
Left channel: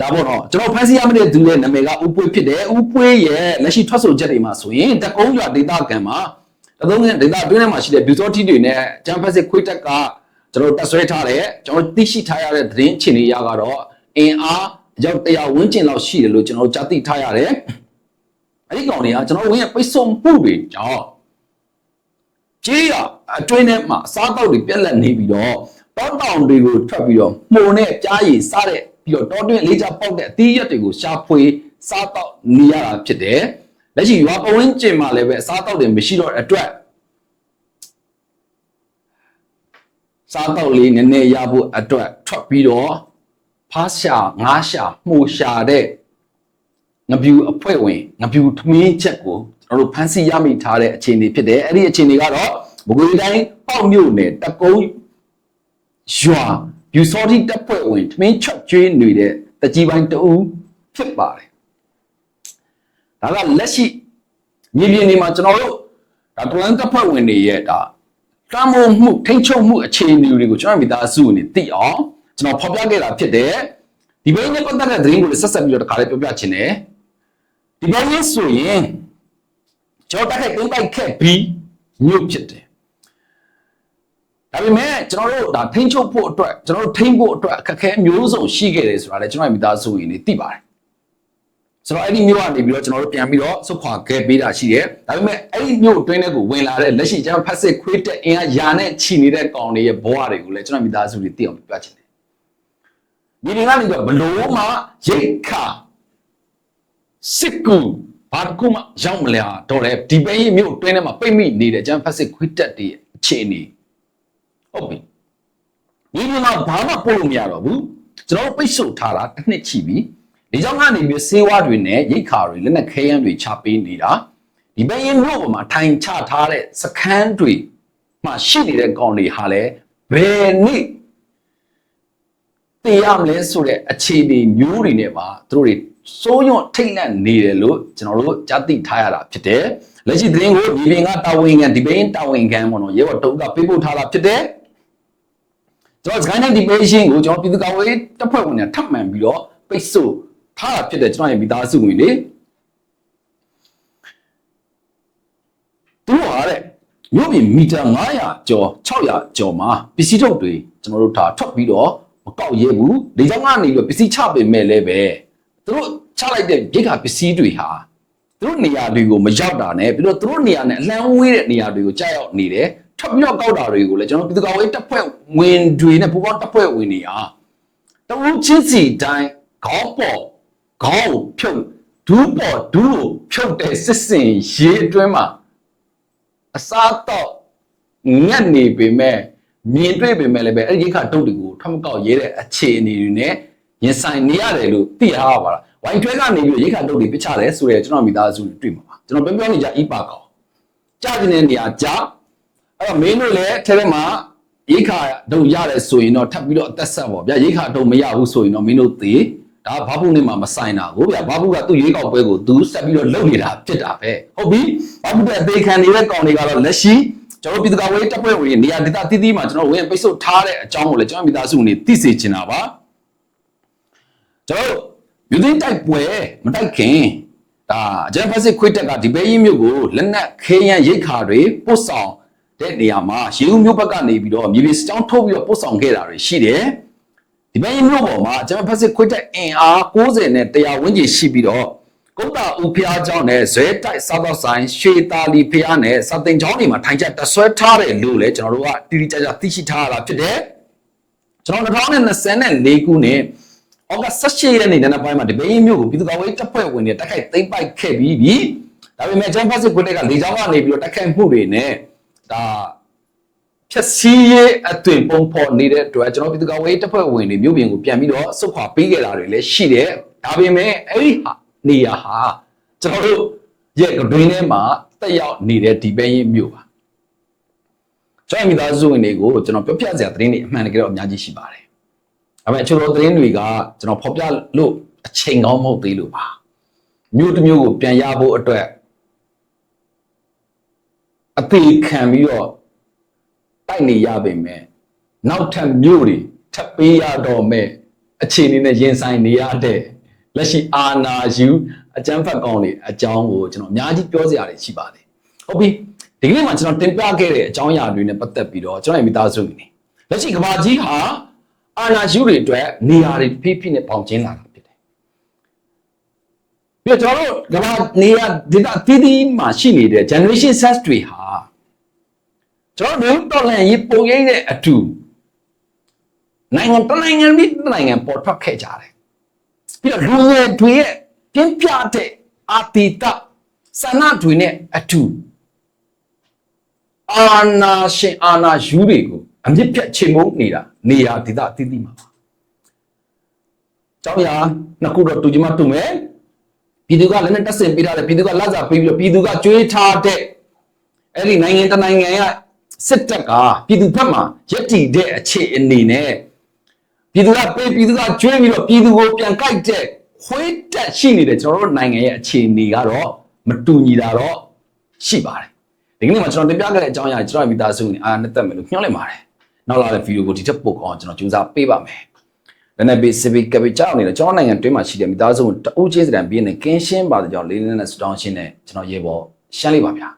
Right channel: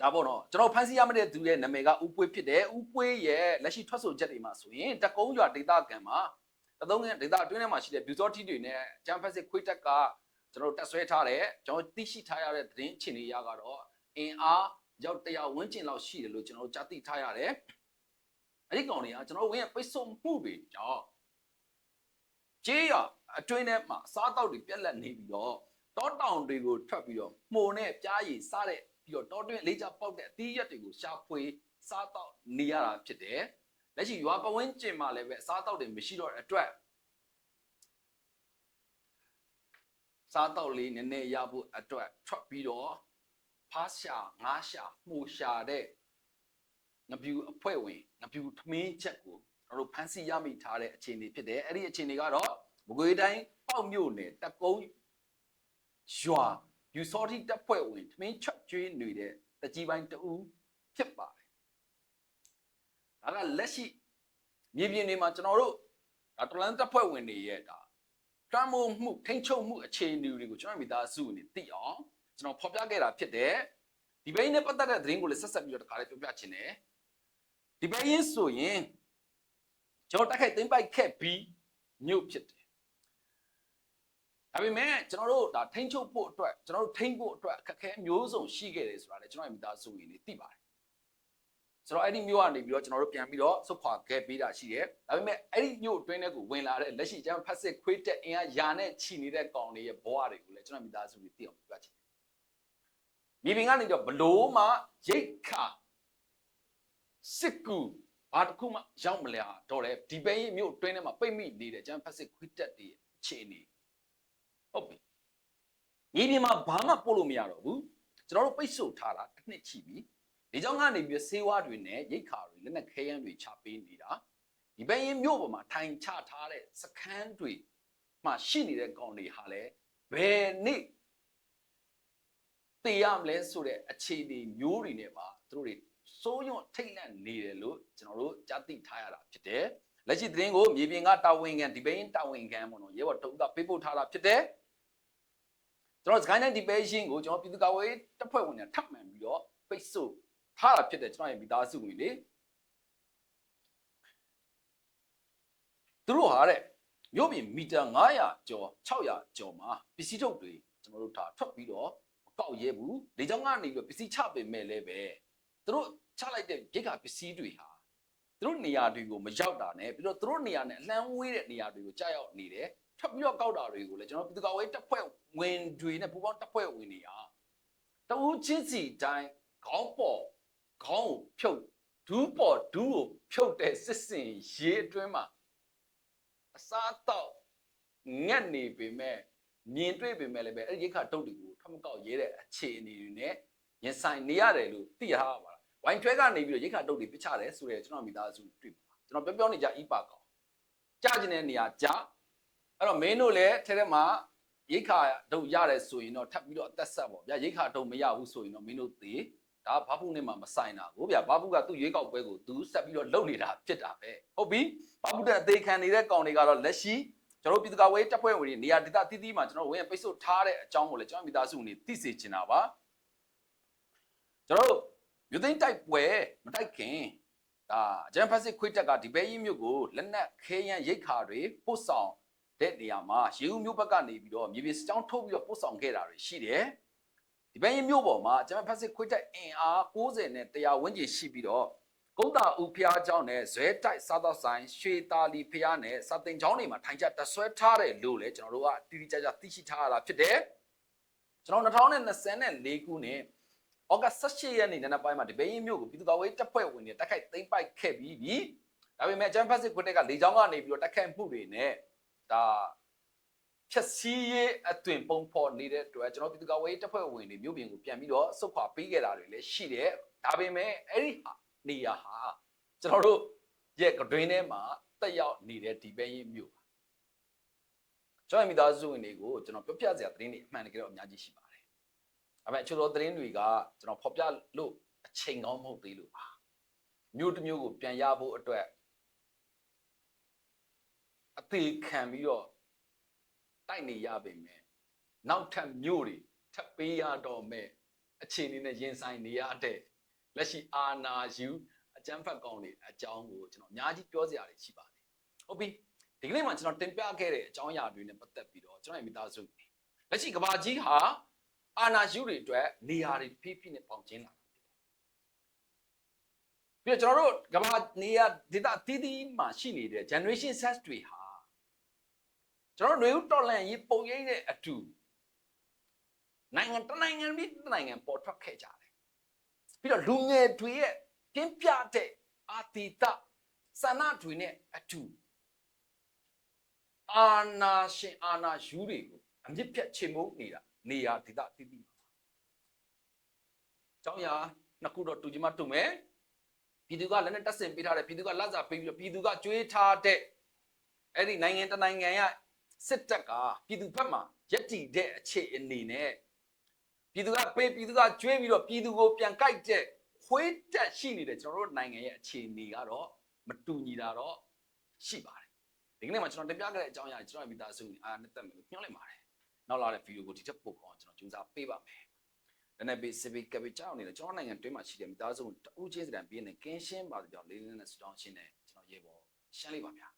Speaker 1: ဒါပေါ့နော်ကျွန်တော်ဖန်စီရမတဲ့သူရဲ့နာမည်ကဥပွေးဖြစ်တယ်ဥပွေးရဲ့လက်ရှိထွက်ဆိုချက်တွေမှာဆိုရင်တကုံးရွာဒေတာကန်မှာတသုံးဒေတာအတွင်းထဲမှာရှိတဲ့ဘီဇော်တီတွေနဲ့ဂျမ်ဖက်စစ်ခွေးတက်ကကျွန်တော်တက်ဆွဲထားတယ်ကျွန်တော်သိရှိထားရတဲ့သတင်းအခြေအနေအရကတော့အင်အားရောက်တရားဝန်းကျင်လောက်ရှိတယ်လို့ကျွန်တော်ကြားသိထားရတယ်အဲ့ဒီကောင်တွေကကျွန်တော်ဝင်းရဲ့ပိတ်ဆို့မှုတွေကြောင့် ကြေးရအတွင်းထဲမှာအစားတောက်တွေပြက်လက်နေပြီးတော့တောတောင်တွေကိုထွက်ပြီးတော့မှုန်နဲ့ကြားရည်စားတဲ့ပြီးတော့တောတွင်းလေးချပေါက်တဲ့အသီးရက်တွေကိုရှာဖွေစားတောက်နေရတာဖြစ်တယ်လက်ရှိရွာပဝင်းကျင်မှာလည်းပဲအစားတောက်တွေမရှိတော့တဲ့အတွက်စားတောက်လေးနည်းနည်းရဖို့အတွက်ထွက်ပြီးတော့ဖားရှာငားရှာမှုရှာတဲ့ ငပြူအဖွဲ့ဝင်ငပြူထမင်းချက်ကိုကျွန်တော်တို့ဖန်စီရမိထားတဲ့အခြေအနေဖြစ်တယ်အဲ့ဒီအခြေအနေကတော့ဘဂွေတိုင်းပေါ့မြို့နယ်တကုံးရွာယူစောတိတပ်ဖွဲ့ဝင်ထမင်းချက်ကျွေးနေတဲ့တကြီးပိုင်းတဦးဖြစ်ပါတယ်ဒါကလက်ရှိမြေပြင်တွေမှာကျွန်တော်တို့ဒါတလန်တပ်ဖွဲ့ဝင်တွေရဲ့ဒါတမ်းမိုးမှုထိန်းချုပ်မှုအခြေအနေတွေကိုကျွန်တော်မိသားစုအနေသိအောင်ကျွန်တော်ဖော်ပြခဲ့တာဖြစ်တယ်ဒီဘိန်းနဲ့ပတ်သက်တဲ့သတင်းကိုလည်းဆက်ဆက်ပြီးတော့တခါလေးပြောပြချင်တယ် ဒီဘိန်းရေးဆိုရင်ကျွန်တော်တက်ခိုက်သိမ့်ပိုက်ခဲ့ပြီးမြို့ဖြစ်တယ်ဒါပေမဲ့ကျွန်တော်တို့ဒါထိန်းချုပ်ဖို့အတွက်ကျွန်တော်တို့ထိန်းဖို့အတွက်အခက်အခဲမျိုးစုံရှိခဲ့တယ်ဆိုတာလည်းကျွန်တော်ရဲ့မိသားစုဝင်တွေသိပါတယ်ဆိုတော့အဲ့ဒီမြို့ကနေပြီးတော့ကျွန်တော်တို့ပြန်ပြီးတော့ဆုတ်ခွာခဲ့ပေးတာရှိတယ်ဒါပေမဲ့အဲ့ဒီမြို့အတွင်းထဲကိုဝင်လာတဲ့လက်ရှိကျွန်တော်ဖက်စစ်ခွေးတက်အင်အားယာနဲ့ချီနေတဲ့ကောင်တွေရဲ့ဘဝတွေကိုလည်းကျွန်တော်မိသားစုတွေသိအောင်ပြချင်တယ်ဒီနေကနေတော့ဘလို့မှရိတ်ခါ စစ်ကူဘာတခုမှရောက်မလဲတော့လေဒီပဲကြီးမြို့အတွင်းထဲမှာပိတ်မိနေတဲ့ကျွန်တော်ဖက်စစ်ခွေးတက်တွေအခြေအနေဟုတ်ပြီဒီဒီမှာဘာမှပို့လို့မရတော့ဘူးကျွန်တော်ပိတ်ဆို့ထားတာတစ်နှစ်ချီပြီဒီကြောင့်ကနေပြီးစေဝါတွေနဲ့ရိတ်ခါတွေလက်နက်ခဲယမ်းတွေချပေးနေတာဒီဘက်ရင်မြို့ပေါ်မှာထိုင်ချထားတဲ့စခန်းတွေမှာရှိနေတဲ့ကောင်တွေဟာလည်းဘယ်နေ့တည်ရမလဲဆိုတဲ့အခြေအနေမျိုးတွေနဲ့ပါသူတို့တွေ စိုးရွံ့ထိတ်လန့်နေတယ်လို့ကျွန်တော်တို့ကြားသိထားရတာဖြစ်တယ်လက်ရှိသတင်းကိုဒီပင်ကတာဝန်ခံဒီပင်တာဝန်ခံပေါ့နော်ရဲဘော်တုံးကပေးပို့ထားတာဖြစ်တယ်ကျွန်တော်စကိုင်းတိုင်းဒီပေရှင်းကိုကျွန်တော်ပြည်သူ့ကာကွယ်ရေးတပ်ဖွဲ့ဝင်တွေထပ်မံပြီးတော့ပိတ်ဆို့ထားတာဖြစ်တယ်ကျွန်တော်ရဲ့မိသားစုဝင်လေသူတို့ဟာတဲ့မြို့ပြင်မီတာ900ကျော်600ကျော်မှာပစ္စည်းထုတ်တွေကျွန်တော်တို့ဒါထွက်ပြီးတော့မကောက်ရဲဘူးလေကြောင်းကနေပြီးတော့ပစ္စည်းချပေမဲ့လည်းပဲ သူတို့ချလိုက်တဲ့ရိတ်ခါပစ္စည်းတွေဟာသူတို့နေရာတွေကိုမရောက်တာနဲ့ပြီးတော့သူတို့နေရာနဲ့အလံဝေးတဲ့နေရာတွေကိုကြားရောက်နေတယ်ထပ်ပြီးတော့ကောက်တာတွေကိုလည်းကျွန်တော်ပြည်သူ့ကာကွယ်တပ်ဖွဲ့ဝင်တွေနဲ့ပူးပေါင်းတပ်ဖွဲ့ဝင်တွေဟာတဝူးချင်းစီတိုင်းခေါင်းပေါ်ခေါင်းကိုဖြုတ်ဒူးပေါ်ဒူးကိုဖြုတ်တဲ့စစ်စင်ရေးအတွင်းမှာအစားတော့ငတ်နေပေမဲ့မြင်တွေ့ပေမဲ့လည်းပဲအဲ့ဒီရိခါတုတ်တွေကိုထမကောက်ရဲတဲ့အခြေအနေတွေနဲ့ ရင်ဆိုင်နေရတယ်လို့သိရပါလားဝိုင်ထွဲကနေပြီးရိခါတုတ်တွေပြချတယ်ဆိုရဲကျွန်တော်မိသားစုတွေတွေ့မှာပါကျွန်တော်ပြောပြောနေကြဣပါကောင်ကြားကျင်တဲ့နေရာကြားအဲ့တော့မင်းတို့လည်းထဲထဲမှာရိခါတုတ်ရတယ်ဆိုရင်တော့ထပ်ပြီးတော့အသက်ဆက်ပေါ့ဗျာရိခါတုတ်မရဘူးဆိုရင်တော့မင်းတို့သေဒါဒါဘာဘူးနဲ့မှမဆိုင်တာကိုဗျာဘာဘူးကသူ့ရွေးကောက်ပွဲကိုသူဆက်ပြီးတော့လုပ်နေတာဖြစ်တာပဲဟုတ်ပြီဘာဘူးတဲ့အသေးခံနေတဲ့ကောင်တွေကတော့လက်ရှိကျွန်တော်ပြည်သူ့ကာကွယ်ရေးတပ်ဖွဲ့ဝင်နေရာဒေသတည်တည်မှာကျွန်တော်ဝင်ပိတ်ဆို့ထားတဲ့အကြောင်းကိုလည်းကျွန်တော်မိသားစုနေသိစေချင်တာပါကျွန် တော်ယူသိန်းတိုက်ပွဲမတိုက်ခင်ဒါဂျန်ဖက်စစ်ခွေးတက်ကဒီဘေးကြီးမြို့ကိုလက်နက်ခဲယမ်းရိတ်ခါတွေပို့ဆောင်တဲ့နေရာမှာရေဦးမြို့ဘက်ကနေပြီးတော့မြေပြင်စကြောင်းထုတ်ပြီးတော့ပို့ဆောင်ခဲ့တာတွေရှိတယ်ဒီဘေးကြီးမြို့ပေါ်မှာဂျန်ဖက်စစ်ခွေးတက်အင်အား90နဲ့100ဝန်းကျင်ရှိပြီးတော့ကုတ်တာဦးဖျားเจ้าနဲ့ဇွဲတိုက်စားတော့ဆိုင်ရွှေတာလီဖျားနဲ့စတင်เจ้าတွေမှာထိုင်ချက်တဆွဲထားတယ်လို့လည်းကျွန်တော်တို့ကတိတိကျကျသိရှိထားရတာဖြစ်တယ်ကျွန်တော်2024ခုနှစ် ဩဂတ်18ရက်နေ့နံနက်ပိုင်းမှာဒီဘေးမြို့ကိုပြည်သူ့ကာကွယ်ရေးတပ်ဖွဲ့ဝင်တွေတိုက်ခိုက်သိမ်းပိုက်ခဲ့ပြီးပြီဒါပေမဲ့ဂျန်ဖတ်စစ်ခွင့်ကလေကြောင်းကနေပြီးတော့တိုက်ခိုက်မှုတွေနဲ့ဒါဖြက်စီးရေးအသွင်ပုံဖော်နေတဲ့အတွက်ကျွန်တော်ပြည်သူ့ကာကွယ်ရေးတပ်ဖွဲ့ဝင်တွေမြို့ပြင်ကိုပြန်ပြီးတော့စုခွာပေးခဲ့တာတွေလည်းရှိတယ်ဒါပေမဲ့အဲ့ဒီဟာနေရာဟာကျွန်တော်တို့ရဲ့ကတွင်ထဲမှာတက်ရောက်နေတဲ့ဒီဘေးမြို့ပါကျွန်တော်မိသားစုဝင်တွေကိုကျွန်တော်ပြောပြစရာသတင်းတွေအမှန်တကယ်တော့အများကြီးရှိပါတယ် ဒါပေမဲ့အချို့သောသတင်းတွေကကျွန်တော်ဖော်ပြလို့အချိန်ကောင်းမဟုတ်သေးလို့ပါမြို့တစ်မြို့ကိုပြန်ရဖို့အတွက်အသေးခံပြီးတော့တိုက်နေရပေမဲ့နောက်ထပ်မြို့တွေထပ်ပေးရတော့မဲ့အခြေအနေနဲ့ရင်ဆိုင်နေရတဲ့လက်ရှိအာနာယူအကျန်းဖတ်ကောင်းတွေအကြောင်းကိုကျွန်တော်အများကြီးပြောစရာတွေရှိပါတယ်ဟုတ်ပြီဒီကနေ့မှာကျွန်တော်တင်ပြခဲ့တဲ့အကြောင်းအရာတွေနဲ့ပတ်သက်ပြီးတော့ကျွန်တော်ရဲ့မိသားစုတွေလက်ရှိကဘာကြီးဟာ အာနာယူတွေအတွက်နေရာတွေဖိဖိနဲ့ပေါင်ကျင်းလာတာဖြစ်တယ်ပြီးတော့ကျွန်တော်တို့ကဘာနေရာဒေတာတီးတီးမှာရှိနေတဲ့ generation set တွေဟာကျွန်တော်တို့တော်လန်ရေးပုံရိပ်တဲ့အတူနိုင်ငံတစ်နိုင်ငံပြီးတစ်နိုင်ငံပေါ်ထွက်ခဲ့ကြတယ်ပြီးတော့လူငယ်တွေရဲ့ပြင်းပြတဲ့အာတီတစန္ဒတွေနဲ့အတူအာနာရှင်အာနာယူတွေကိုအမြင့်ပြတ်ချိန်မုန်းနေတာနေရာဒေသအသီးသီးမှာပါကျောင်းရနှစ်ခုတော့တူကြမတူမယ်ပြည်သူကလည်းနဲ့တက်ဆင်ပေးထားတယ်ပြည်သူကလက်စားပေးပြီးတော့ပြည်သူကကြွေးထားတဲ့အဲ့ဒီနိုင်ငံတနိုင်ငံကစစ်တပ်ကပြည်သူဘက်မှာရက်တည်တဲ့အခြေအနေနဲ့ပြည်သူကပေးပြည်သူကကြွေးပြီးတော့ပြည်သူကိုပြန်ကြိုက်တဲ့ခွေးတက်ရှိနေတဲ့ကျွန်တော်တို့နိုင်ငံရဲ့အခြေအနေကတော့မတူညီတာတော့ရှိပါတယ်ဒီကနေ့မှာကျွန်တော်တင်ပြခဲ့တဲ့အကြောင်းအရာကျွန်တော်မိသားစုနဲ့အားနဲ့တက်မယ်လို့ညွှန်လိုက်ပါတယ် နောက်လာတဲ့ဗီဒီယိုကိုဒီထက်ပိုကောင်းကျွန်တော်ကြိုးစားပေးပါမယ်လည်းနဲ့ဘေးစပီကပီကြောက်နေတဲ့ကျွန်တော်နိုင်ငံတွင်းမှာရှိတဲ့မိသားစုကိုတအုပ်ချင်းစတန်ပြင်းနဲ့ကင်းရှင်းပါတဲ့ကြောင့်လေးလေးနဲ့စတောင်းရှင်းနဲ့ကျွန်တော်ရေပေါ်ရှမ်းလိုက်ပါဗျာ